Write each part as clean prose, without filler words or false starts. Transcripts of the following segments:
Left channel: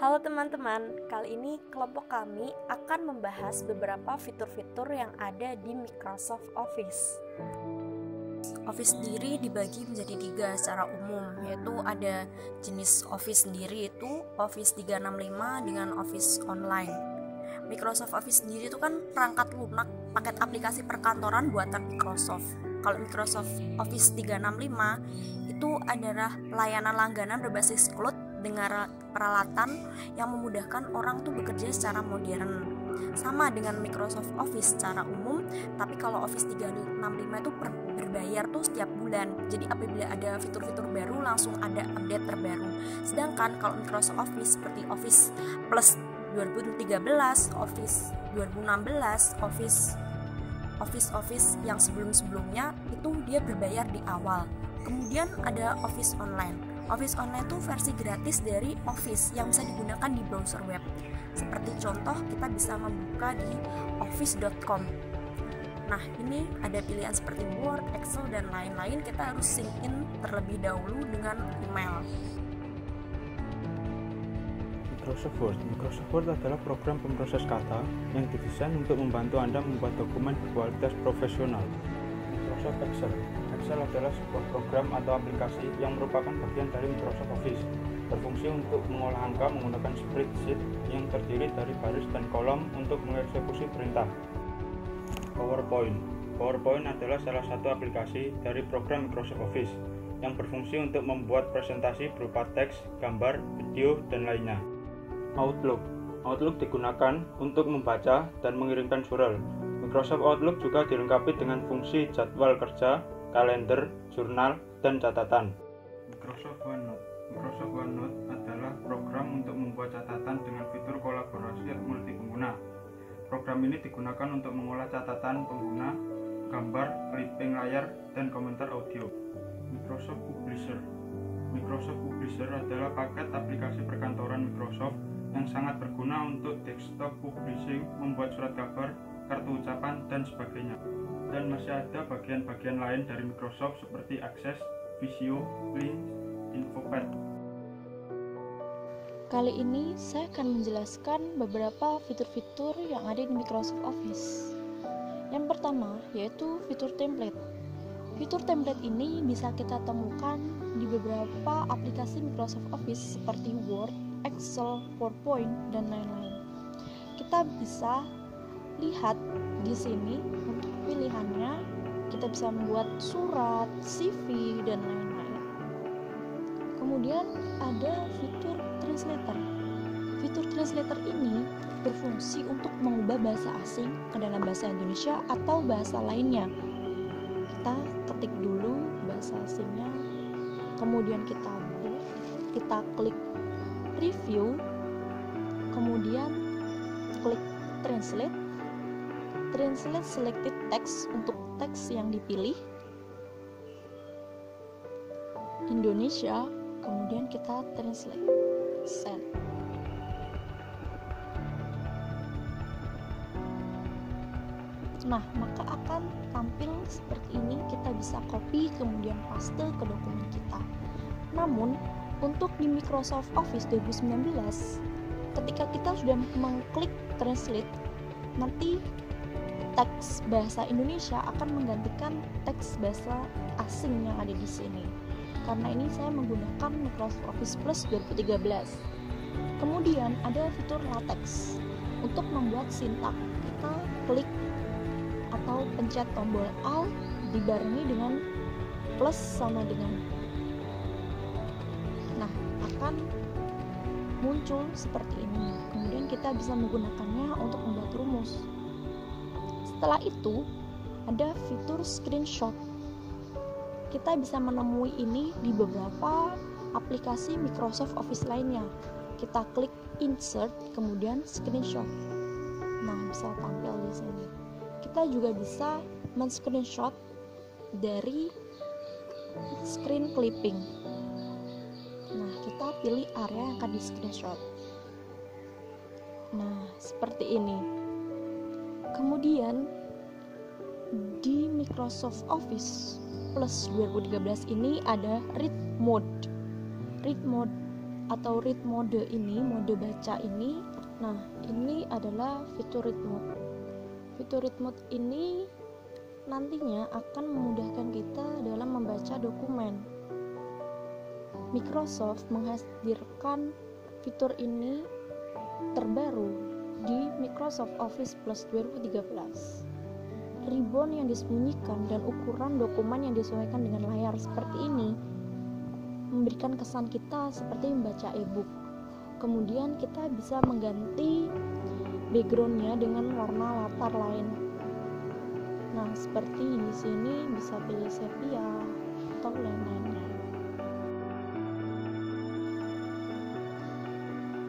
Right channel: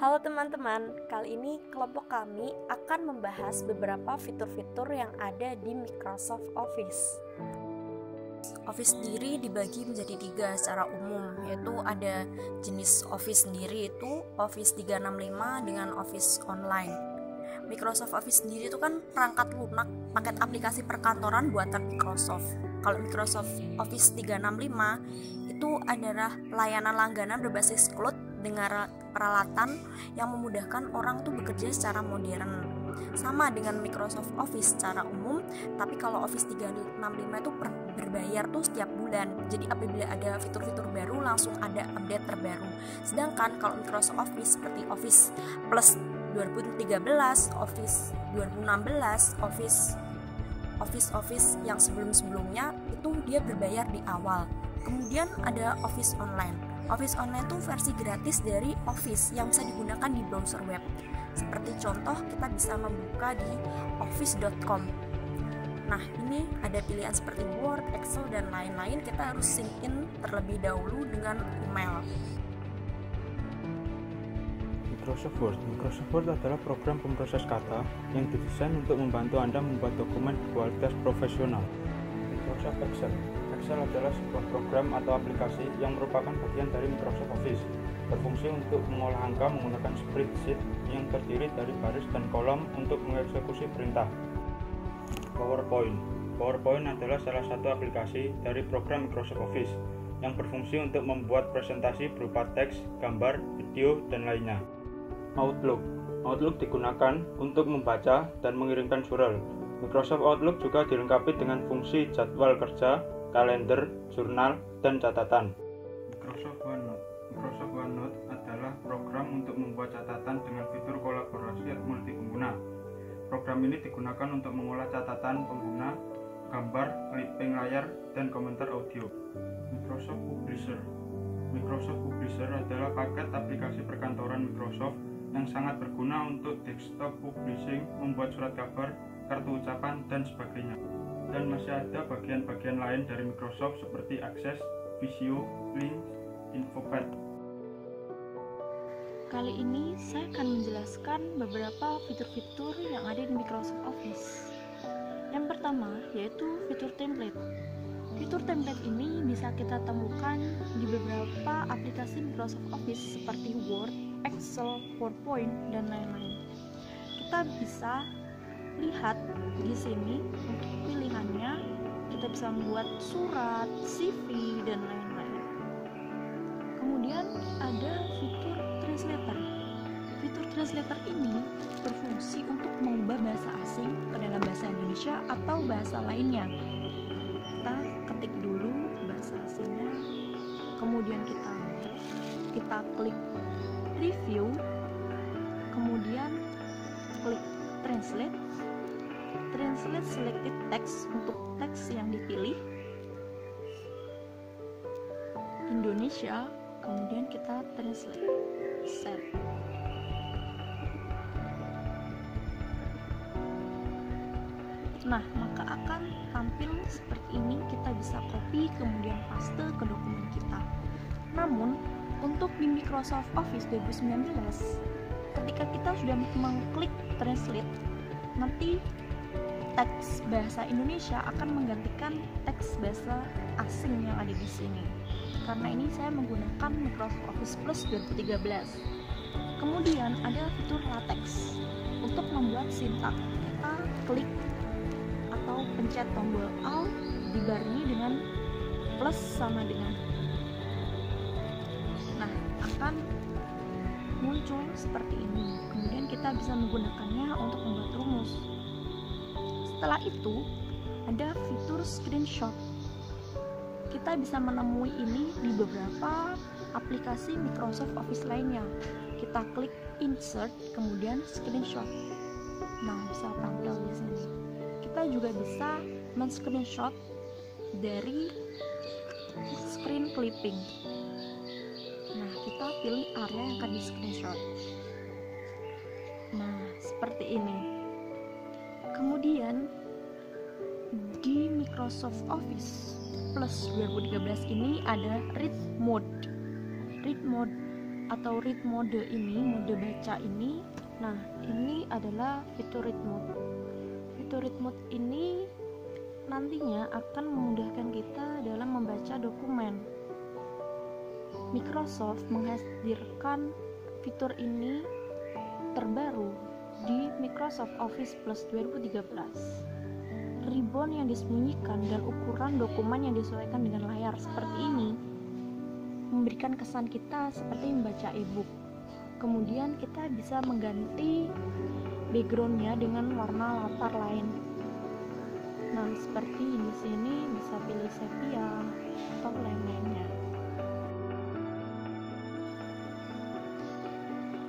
Halo teman-teman, kali ini kelompok kami akan membahas beberapa fitur-fitur yang ada di Microsoft Office. Office sendiri dibagi menjadi 3 secara umum, yaitu ada jenis Office sendiri itu Office 365 dengan Office Online. Microsoft Office sendiri itu kan perangkat lunak, paket aplikasi perkantoran buatan Microsoft. Kalau Microsoft Office 365 itu adalah layanan langganan berbasis cloud dengan peralatan yang memudahkan orang tuh bekerja secara modern. Sama dengan Microsoft Office secara umum, tapi kalau Office 365 itu berbayar tuh setiap bulan. Jadi apabila ada fitur-fitur baru langsung ada update terbaru. Sedangkan kalau Microsoft Office seperti Office Plus 2013, Office 2016, Office yang sebelum-sebelumnya itu dia berbayar di awal. Kemudian ada Office Online. Office Online itu versi gratis dari Office yang bisa digunakan di browser web. Seperti contoh, kita bisa membuka di office.com. Nah, ini ada pilihan seperti Word, Excel, dan lain-lain. Kita harus sync in terlebih dahulu dengan email. Microsoft Word adalah program pemroses kata yang didesain untuk membantu Anda membuat dokumen berkualitas profesional. Microsoft Excel adalah sebuah program atau aplikasi yang merupakan bagian dari Microsoft Office, berfungsi untuk mengolah angka menggunakan spreadsheet yang terdiri dari baris dan kolom untuk mengeksekusi perintah. PowerPoint adalah salah satu aplikasi dari program Microsoft Office yang berfungsi untuk membuat presentasi berupa teks, gambar, video, dan lainnya. Outlook digunakan untuk membaca dan mengirimkan surel. Microsoft Outlook juga dilengkapi dengan fungsi jadwal kerja, kalender, jurnal, dan catatan. Microsoft OneNote adalah program untuk membuat catatan dengan fitur kolaborasi multi pengguna. Program ini digunakan untuk mengolah catatan pengguna, gambar, clipping layar, dan komentar audio. Microsoft Publisher adalah paket aplikasi perkantoran Microsoft yang sangat berguna untuk desktop publishing, membuat surat kabar, kartu ucapan, dan sebagainya. Dan masih ada bagian-bagian lain dari Microsoft seperti Access, Visio, Links, Infopad. Kali ini saya akan menjelaskan beberapa fitur-fitur yang ada di Microsoft Office. Yang pertama yaitu fitur template. Fitur template ini bisa kita temukan di beberapa aplikasi Microsoft Office seperti Word, Excel, PowerPoint, dan lain-lain. Kita bisa lihat di sini untuk pilihannya, kita bisa membuat surat, CV, dan lain-lain. Kemudian ada fitur translator. Fitur translator ini berfungsi untuk mengubah bahasa asing ke dalam bahasa Indonesia atau bahasa lainnya. Kita ketik dulu bahasa asingnya, kemudian kita klik review, kemudian klik translate selected text untuk teks yang dipilih Indonesia, kemudian kita translate send. Nah, maka akan tampil seperti ini. Kita bisa copy kemudian paste ke dokumen kita. Namun untuk di Microsoft Office 2019, ketika kita sudah mengklik translate, nanti teks bahasa Indonesia akan menggantikan teks bahasa asing yang ada di sini. Karena ini saya menggunakan Microsoft Office Plus 2013. Kemudian ada fitur LaTeX. Untuk membuat sintak, kita klik atau pencet tombol Alt dibarengi dengan plus sama dengan. Nah, akan muncul seperti ini. Kemudian kita bisa menggunakannya untuk membuat rumus. Setelah itu, ada fitur screenshot. Kita bisa menemui ini di beberapa aplikasi Microsoft Office lainnya. Kita klik insert, kemudian screenshot. Nah, bisa tampil di sini. Kita juga bisa men-screenshot dari screen clipping. Nah, kita pilih area yang akan di screenshot. Nah, seperti ini. Kemudian di Microsoft Office Plus 2013 ini ada read mode. Read mode atau read mode ini, mode baca ini. Nah, ini adalah fitur read mode. Fitur read mode ini nantinya akan memudahkan kita dalam membaca dokumen. Microsoft menghadirkan fitur ini terbaru di Microsoft Office Plus 2013. Ribbon yang disembunyikan dan ukuran dokumen yang disesuaikan dengan layar seperti ini memberikan kesan kita seperti membaca e-book. Kemudian kita bisa mengganti backgroundnya dengan warna latar lain. Nah, seperti di sini bisa pilih sepia atau lain-lainnya.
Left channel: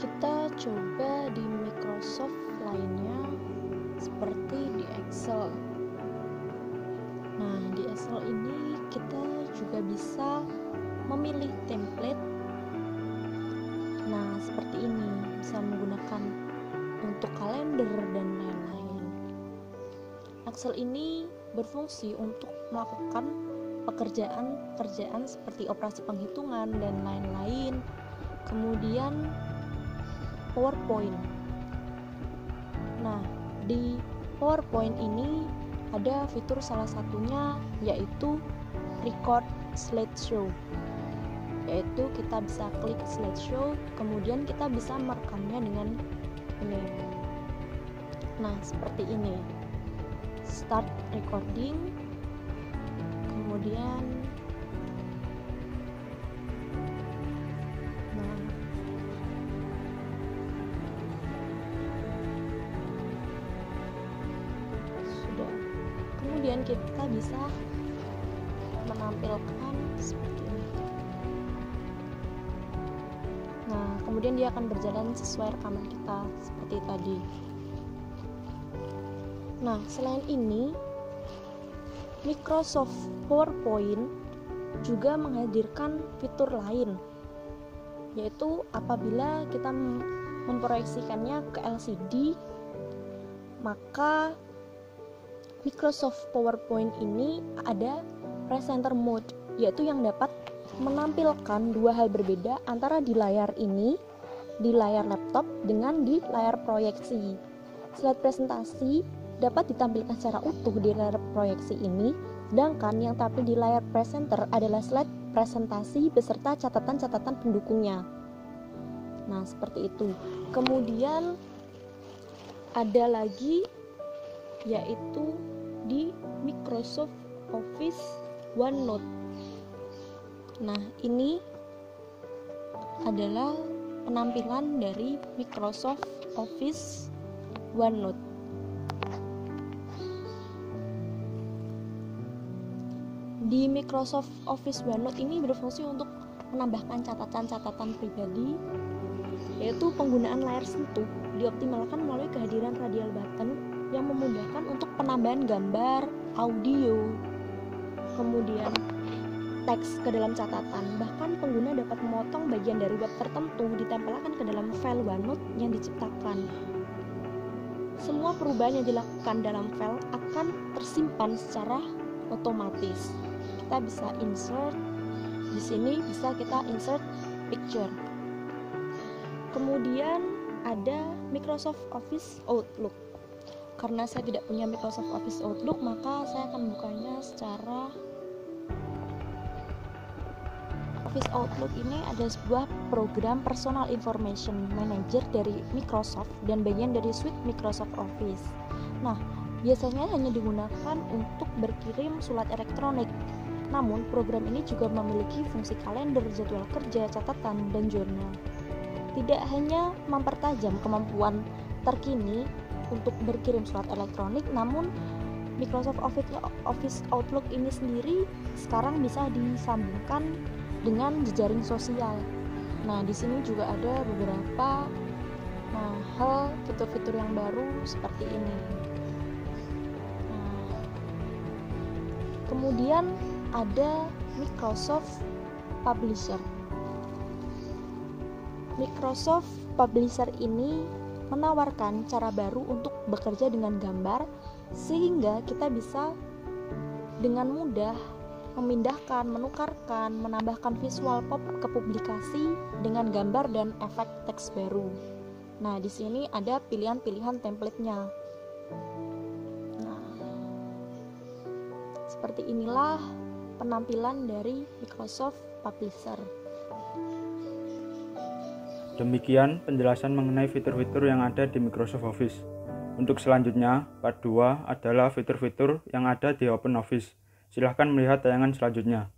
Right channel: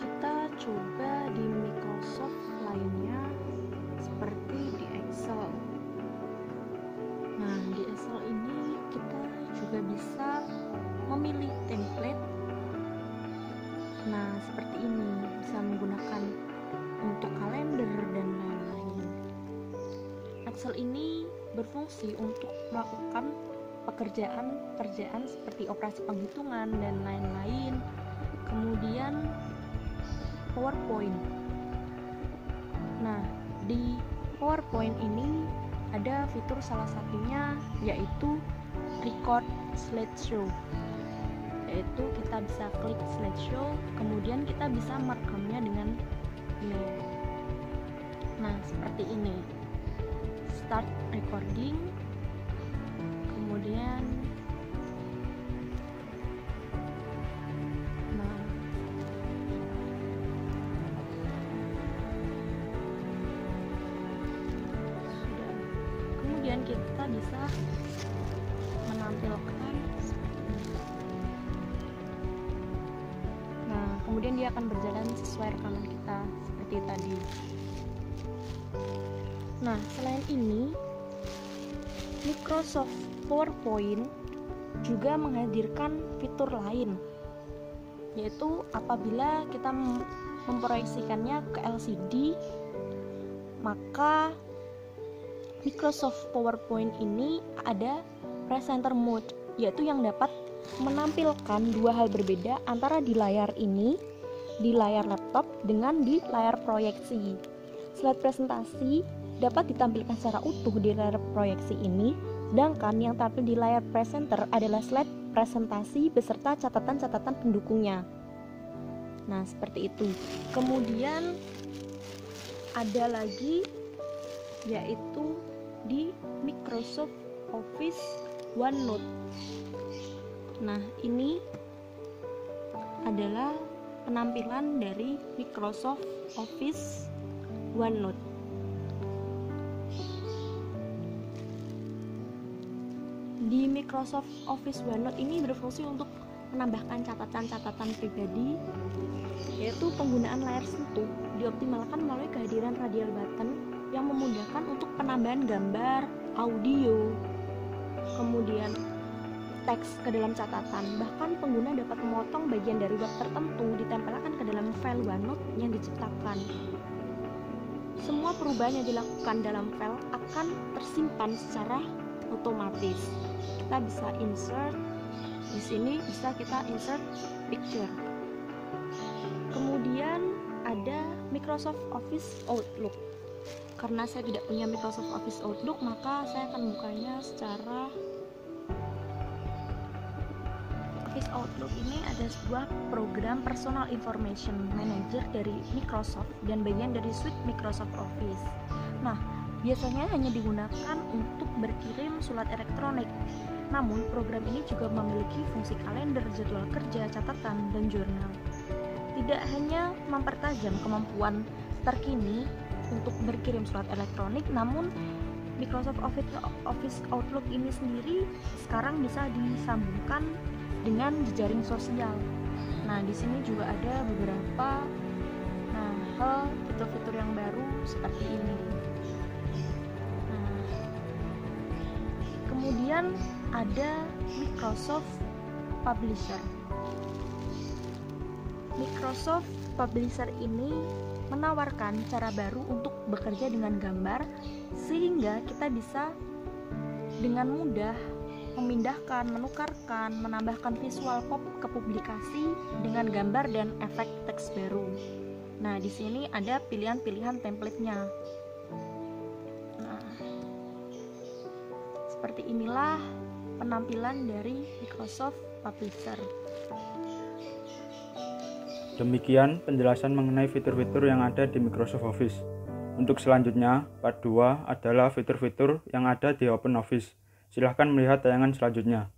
Kita coba di Microsoft lainnya seperti di Excel. Nah, di Excel ini kita juga bisa memilih template. Nah, seperti ini, bisa menggunakan untuk kalender dan lain-lain. Excel ini berfungsi untuk melakukan pekerjaan seperti operasi penghitungan dan lain-lain. Kemudian PowerPoint. Nah, di PowerPoint ini ada fitur salah satunya yaitu record slideshow, yaitu kita bisa klik slideshow, kemudian kita bisa merekamnya dengan ini. Nah, seperti ini. Start recording, kemudian kemudian kita bisa menampilkan seperti ini. Nah, kemudian dia akan berjalan sesuai rekaman kita seperti tadi. Nah, selain ini, Microsoft PowerPoint juga menghadirkan fitur lain, yaitu apabila kita memproyeksikannya ke LCD, maka Microsoft PowerPoint ini ada presenter mode, yaitu yang dapat menampilkan dua hal berbeda antara di layar ini, di layar laptop, dengan di layar proyeksi. Slide presentasi dapat ditampilkan secara utuh di layar proyeksi ini, sedangkan yang tampil di layar presenter adalah slide presentasi beserta catatan-catatan pendukungnya. Nah, seperti itu. Kemudian ada lagi yaitu di Microsoft Office OneNote. Nah, ini adalah penampilan dari Microsoft Office OneNote. Di Microsoft Office OneNote ini berfungsi untuk menambahkan catatan-catatan pribadi, yaitu penggunaan layar sentuh dioptimalkan melalui kehadiran radial button yang memudahkan untuk penambahan gambar, audio, kemudian teks ke dalam catatan. Bahkan pengguna dapat memotong bagian dari web tertentu ditempelkan ke dalam file OneNote yang diciptakan. Semua perubahan yang dilakukan dalam file akan tersimpan secara otomatis. Kita bisa insert, di sini bisa kita insert picture. Kemudian ada Microsoft Office Outlook. Karena saya tidak punya Microsoft Office Outlook, maka saya akan bukanya secara Office Outlook ini ada sebuah program Personal Information Manager dari Microsoft dan bagian dari suite Microsoft Office. Nah, biasanya hanya digunakan untuk berkirim surat elektronik. Namun, program ini juga memiliki fungsi kalender, jadwal kerja, catatan, dan jurnal. Tidak hanya mempertajam kemampuan terkini untuk berkirim surat elektronik, namun Microsoft Office Outlook ini sendiri sekarang bisa disambungkan dengan jejaring sosial. Nah, di sini juga ada beberapa hal fitur-fitur yang baru seperti ini. Nah, kemudian ada Microsoft Publisher. Microsoft Publisher ini menawarkan cara baru untuk bekerja dengan gambar, sehingga kita bisa dengan mudah memindahkan, menukarkan, menambahkan visual pop ke publikasi dengan gambar dan efek teks baru. Nah, di sini ada pilihan-pilihan template-nya. Nah, seperti inilah penampilan dari Microsoft Publisher. Demikian penjelasan mengenai fitur-fitur yang ada di Microsoft Office. Untuk selanjutnya, part 2 adalah fitur-fitur yang ada di OpenOffice. Silahkan melihat tayangan selanjutnya.